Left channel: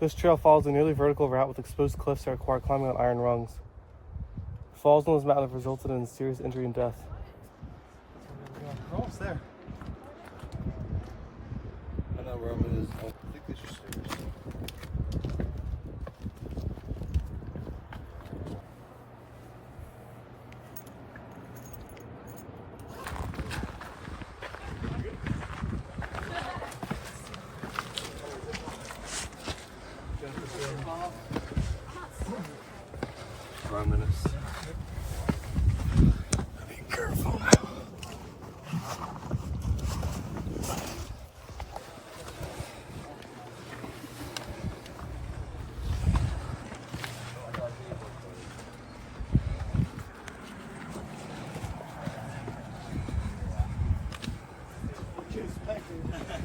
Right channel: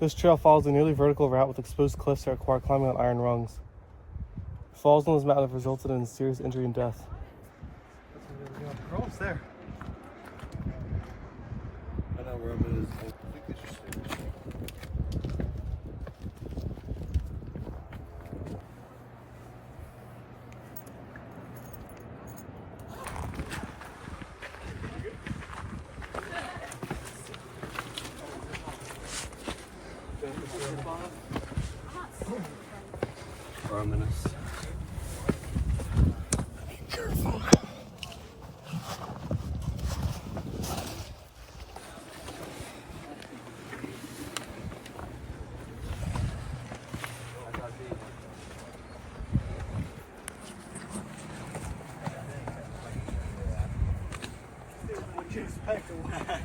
This trail follows a nearly vertical route with exposed cliffs that require climbing on iron rungs. Falls on this mountain have resulted in serious injury and death. We're almost there. I know where it is. I think these are stairs. Minutes. Careful now.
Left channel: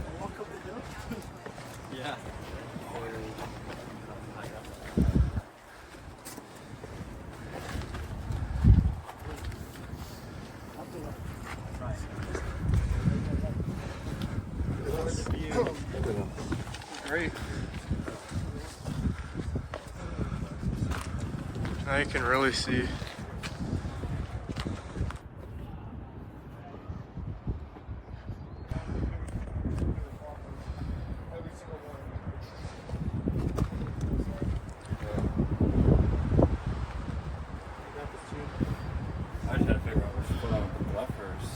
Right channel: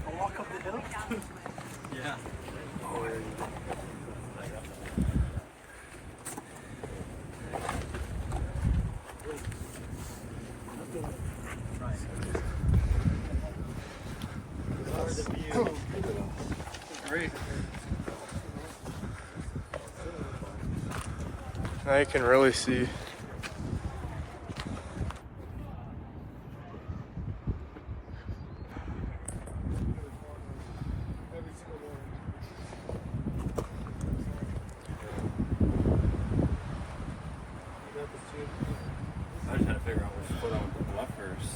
I'll walk up the hill. Yeah. Great. Now you can really see. I just had to figure out which foot I would put left first.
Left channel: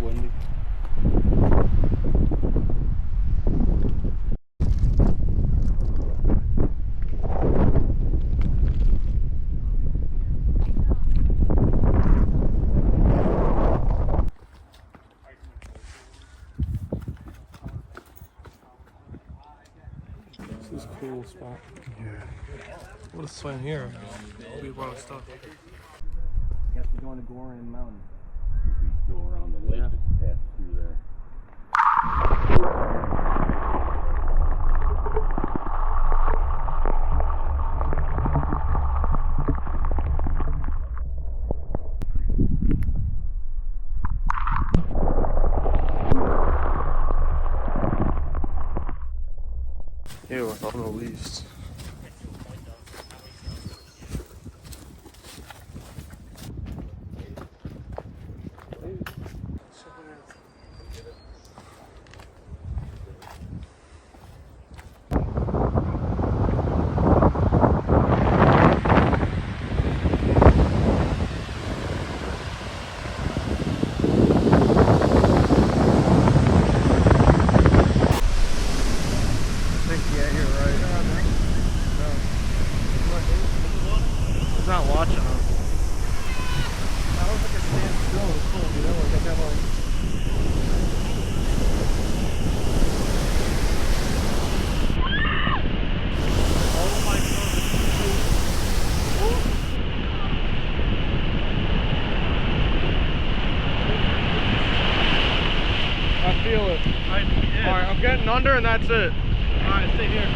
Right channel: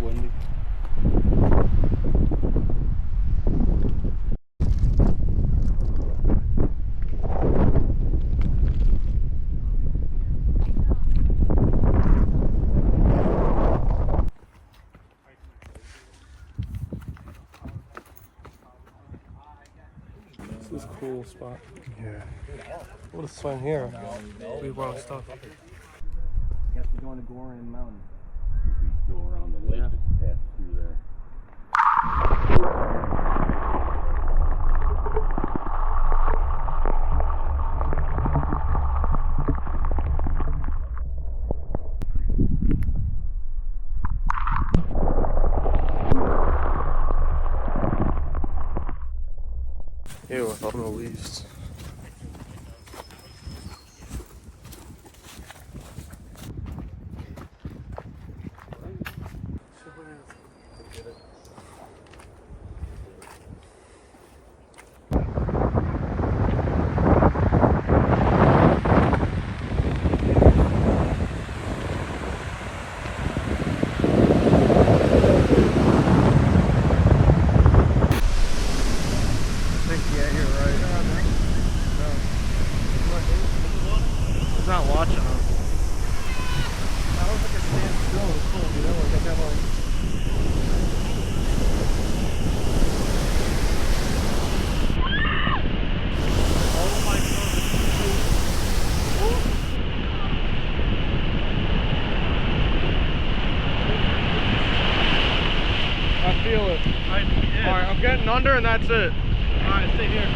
Windy. This is a cool spot. Yeah. What a swing here. We brought our stuff. You have to go into Gorin Mountain. Go around the lake and pass through there. Ew, with all the leaves. Not watching them. I don't think it stands still. It's cool, you know? Like I got like. Oh my God. I feel it. Alright, I'm getting under and that's it. Alright, stay here.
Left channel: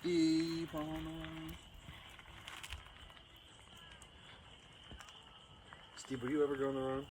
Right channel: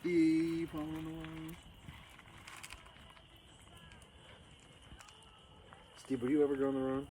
Steve on the way. Steve, were you ever going around?